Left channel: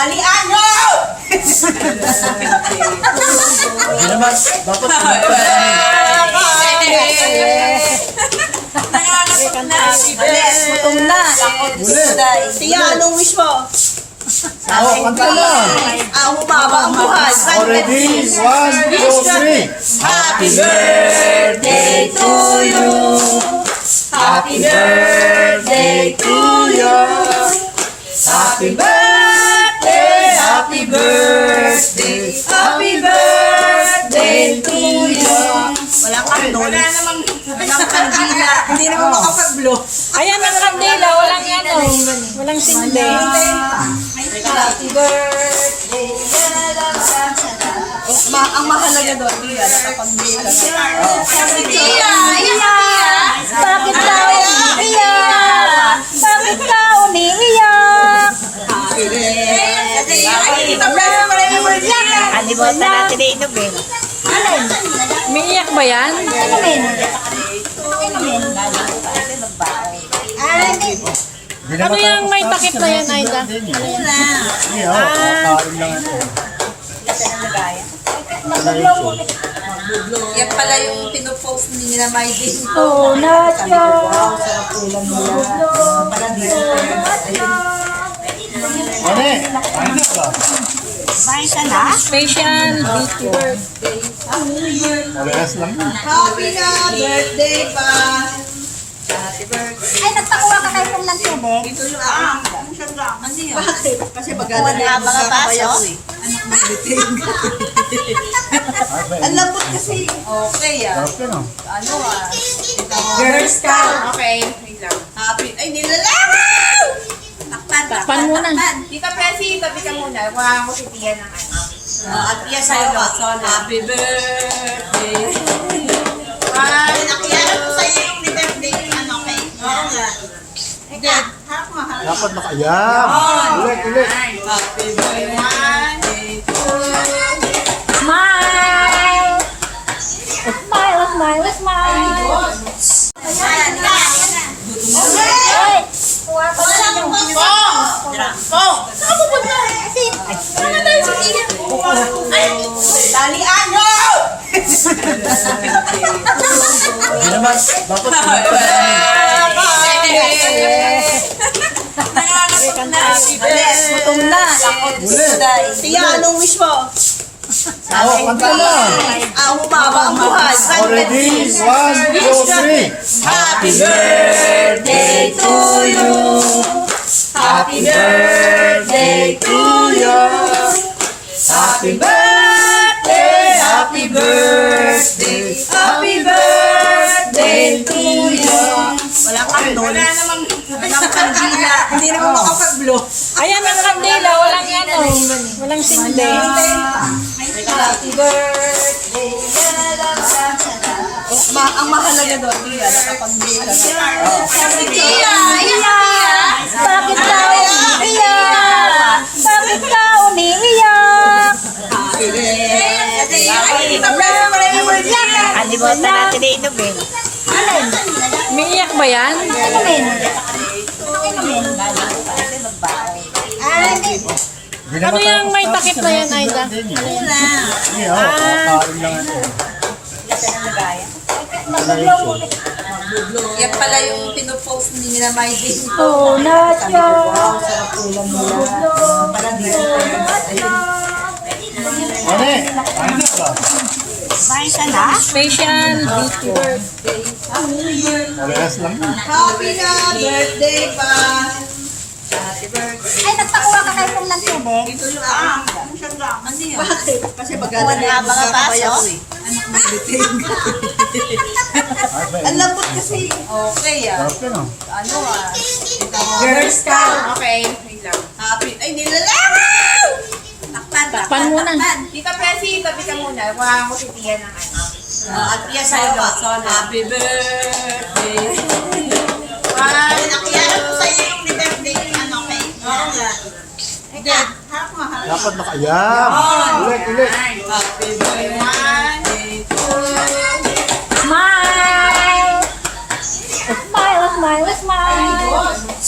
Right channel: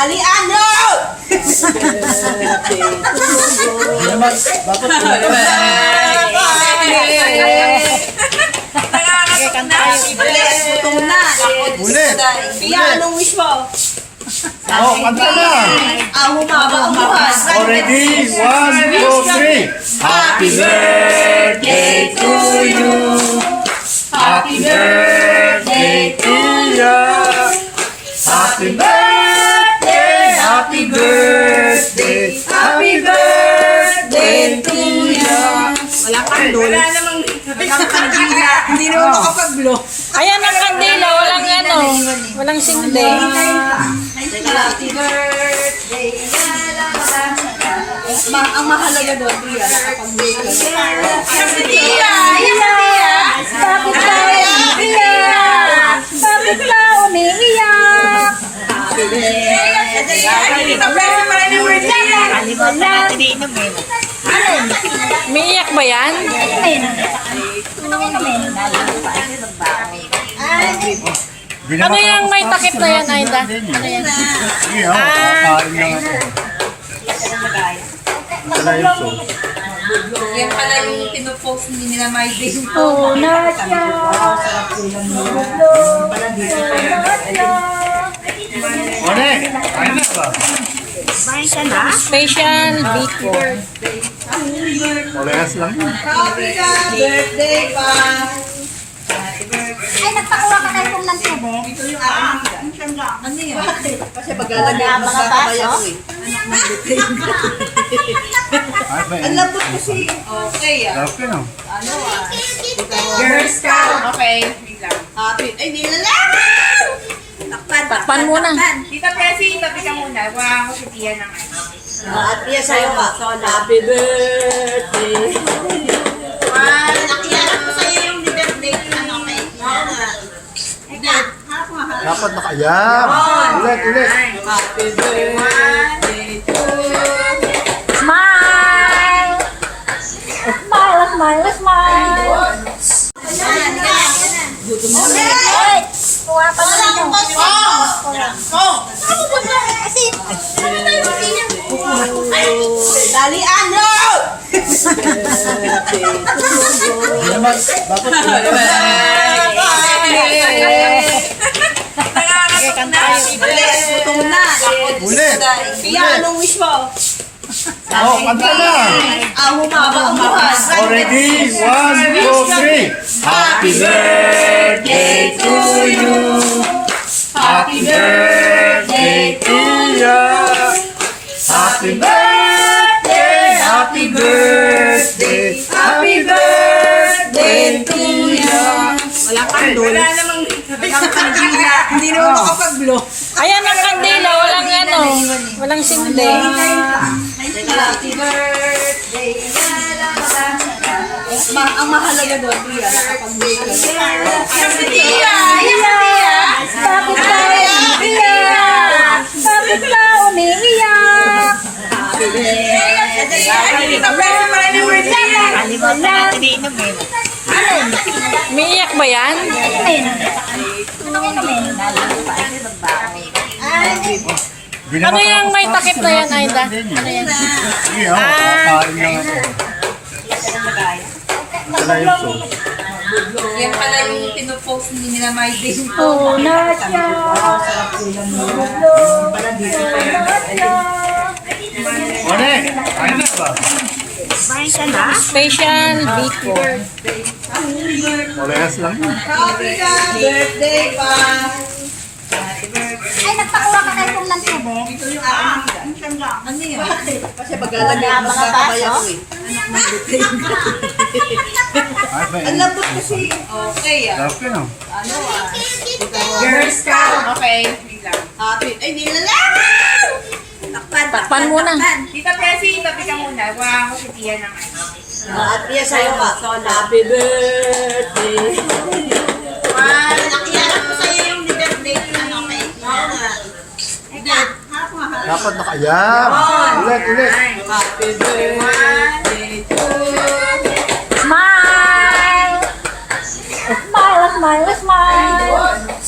Dalian mo! Dapat Gutom na. Siya, anong wish mo? kanta na. Humaba ang buhay. Already, 1, 2, 3. Happy birthday to you. Happy birthday to you. Happy birthday, happy birthday, happy birthday to you. Wala namang kandila. Hindi naman makapag-blow. Ayan ang kandila, walang walang sinde. Happy birthday. Ang mahalaga doon, Tia, nakapag-blow ka na. Happy Tia! Bakit daw umiiyak? Bakit daw umiiyak? Umiiyak ba yan? Ano yung may takip na yan, Aida? Ano yan? Sige, kakain lang ito. Yan pala yung pinupost ni na my day. Oh, Nadia! Ane, kain na ba? Special Biko. Parehas lang yun. Happy na birthday pa! Ay, nagpakuha ka tayo ng tubig. Ito yung aking higa. Ano yun? Kasi pagkala na yung mga baso? Ay, ba Ang lambot kasi. Okay Sarap yun, oh. Ano Girl Scout. Okay. Wait lang. Happy. Ay, nilalangaw! Takpan muna. Tita Pesi, tabi ka muna. Wow, si Tia ng ano. At Tia sa'yo ka. Happy birthday. Wow, nakiyarap ko sa'yo yung birthday ng ano kay. Oo nga. Dapat nakayan. Ulit. Happy birthday to you. Smile! Smile, smile, smile! Wait! Kuha pa na ito. Dalian mo! Dapat Gutom na. Siya, anong wish mo? kanta na. Humaba ang buhay. Already, 1, 2, 3. Happy birthday to you. Happy birthday to you. Happy birthday, happy birthday, happy birthday to you. Wala namang kandila. Hindi naman makapag-blow. Ayan ang kandila, walang sinde. Happy birthday. Ang mahalaga doon, Tia, nakapag-blow ka na. Happy Tia! Bakit daw umiiyak? Bakit daw umiiyak? Umiiyak ba yan? Ano yung may takip na yan, Aida? Ano yan? Sige, kakain lang ito. Yan pala yung pinupost ni na my day. Oh, Nadia! Ane, kain na ba? Special Biko. Parehas lang yun. Happy na birthday pa! Ay, nagpakuha ka tayo ng tubig. Ito yung aking higa. Ano yun? Kasi pagkala na yung mga baso? Ay, ba Ang lambot kasi. Okay Sarap yun, oh. Ano Girl Scout. Okay. Wait lang. Happy. Ay, nilalangaw! Takpan muna. Tita Pesi, tabi ka muna. Wow, si Tia ng ano. At Tia sa'yo ka. Happy birthday. Wow, nakiyarap ko sa'yo yung birthday ng ano kay. Oo nga. Dapat nakayan. Ulit. Happy birthday to you. Smile! Smile, smile, smile!